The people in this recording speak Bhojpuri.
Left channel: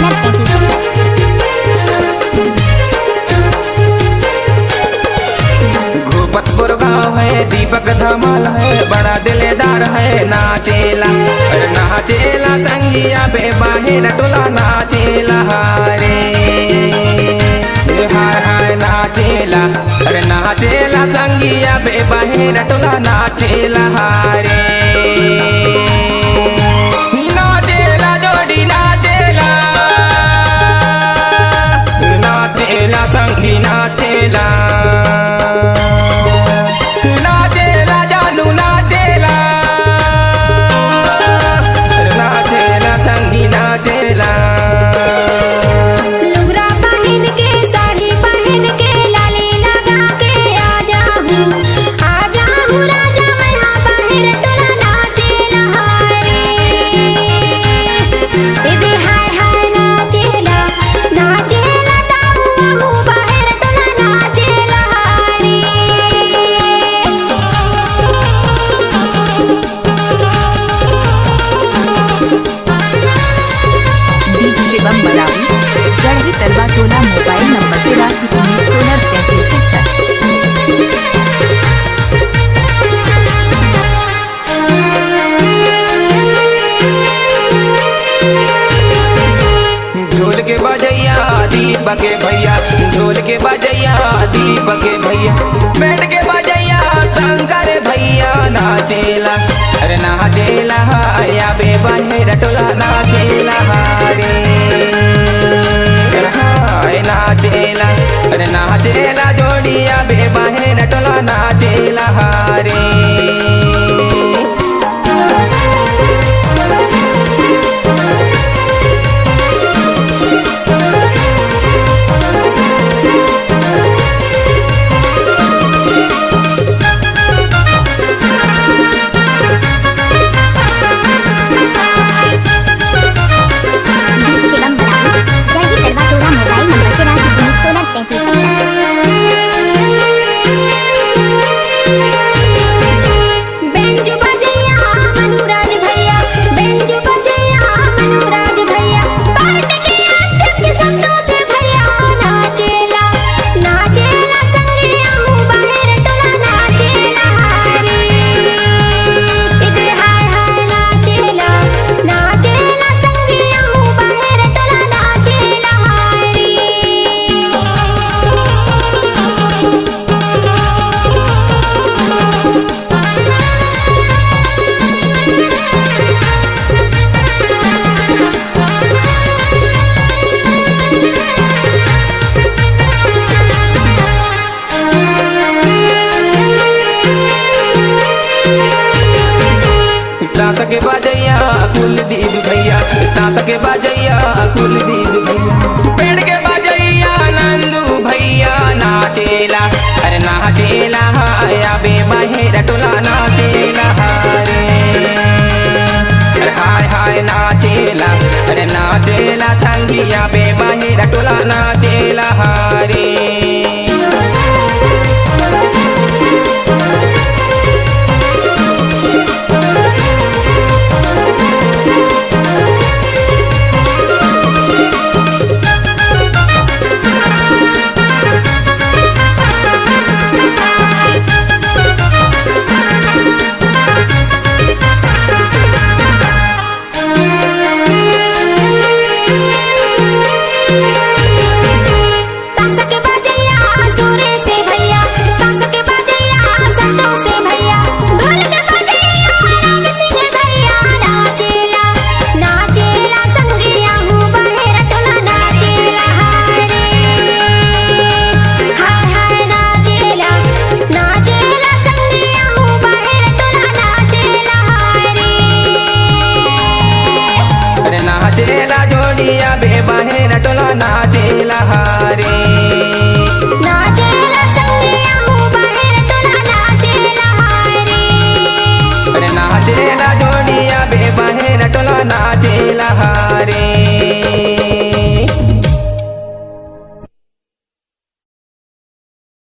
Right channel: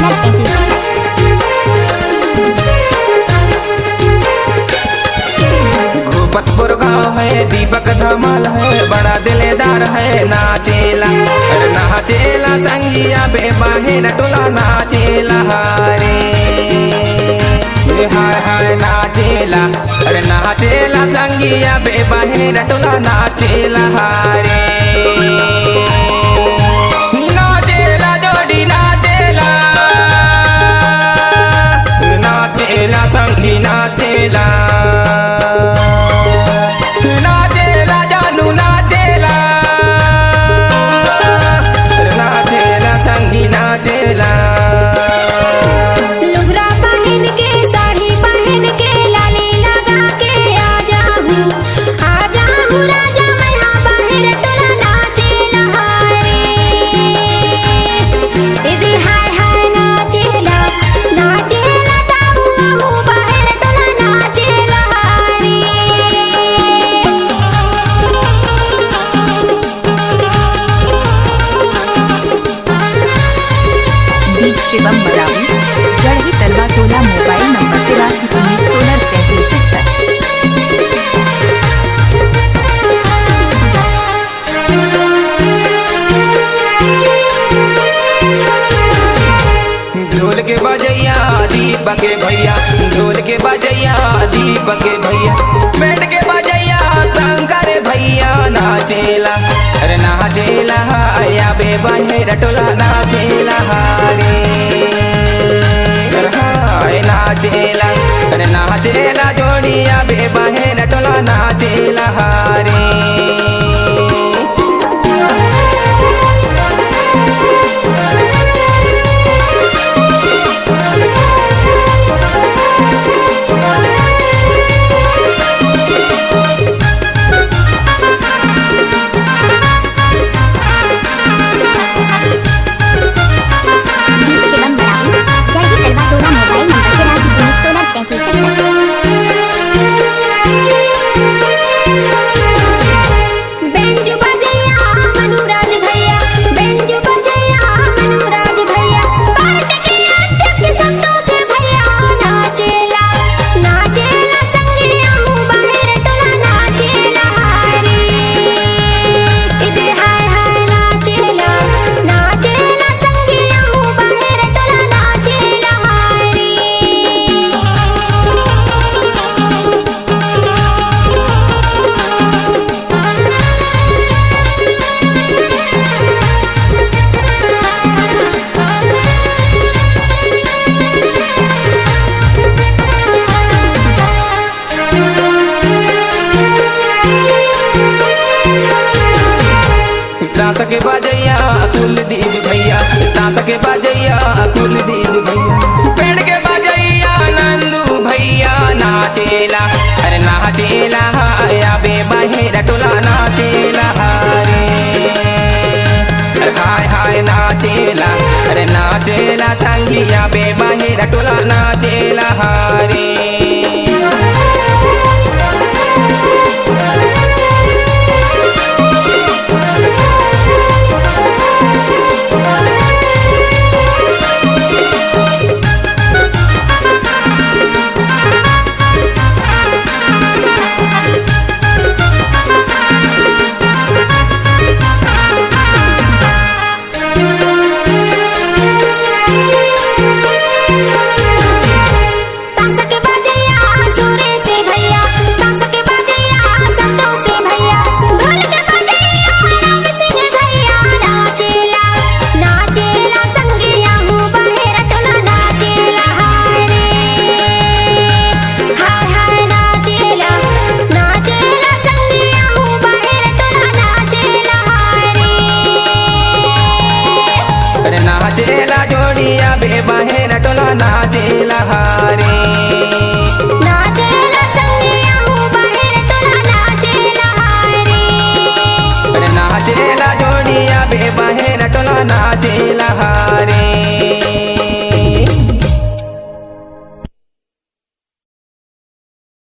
सोलर 33। घोपतपुर गाँव है, दीपक धमाल है, बड़ा दिलेदार है नाचेला। अरे नाचेला संगिया बेबाहेर टोला नाचेला रे, हाय हाय नाचेला। अरे नाचेला संगिया बेबाहेर टोला नाचेला रे, नाचेला जोड़ी नाचेला, नाचेला संगी नाचेला, नाचेला जानू नाचेला, नाचेला संगी नाचेला। लुगरा पहन के साड़ी पहन के लाली लगा के आ जाहूँ राजा मैं यहाँ बाहर टोला नाचेला रे, इधर हाय हाय नाचेला नाचेला ताऊ बाहर टोला नाचेला रे। बीच शिवम मलावी, जड़ही तलवा टोला, मोबाइल नंबर 8319 सोलर 3361। ढोल के बजैया दीपक के भैया, ढोल के बजैया दीपक के भैया, बैंड के बजैया शंकर भैया नाचेला। अरे नाचेला या बेबाहेर टोला नाचेला रे, हाय नाचेला। अरे नाचेला जोड़िया बेबाहेर टोला नाचेला रे। शिवम मलावी, जड़ही तलवा टोला, मोबाइल नंबर 8319 सोलर 3361। बेंजू बजैया मनुराज भैया, बेंजू बजैया मनुराज भैया, पार्टी के अध्यक्ष संतोष भैया नाचेला नाचेला संगिया हूँ बाहर टोला नाचेला रे, इधर हाय हाय नाचेला नाचेला संगिया हूँ बाहर टोला नाचेला रे। ताश के बजैया कुलदीप भैया, ताश के बजैया कुलदीप भैया, पेड़ के बजैया नंदू भैया नाचेला। अरे नाचेला या बेबाहेर टोला नाचेला रे, अरे हाय हाय नाचेला। अरे नाचेला संगिया बेबाहेर टोला नाचेला रे। ताश के बजैया सूर्य से भैया, ताश के बजैया संतोष से भैया, ढोल के बजैया राम सिंह भैया नाचेला नाचेला संगिया हूँ बाहर टोला नाचेला रे, हाय हाय नाचेला नाचेला संगिया हूँ बाहर टोला नाचेला रे। अरे नाचेला जोड़िया बेबाहेर टोला नाचेला रे, नाचेला संगिया हूँ बाहर टोला नाचेला रे। अरे नाचेला जोड़िया बेबाहेर टोला नाचेला रे।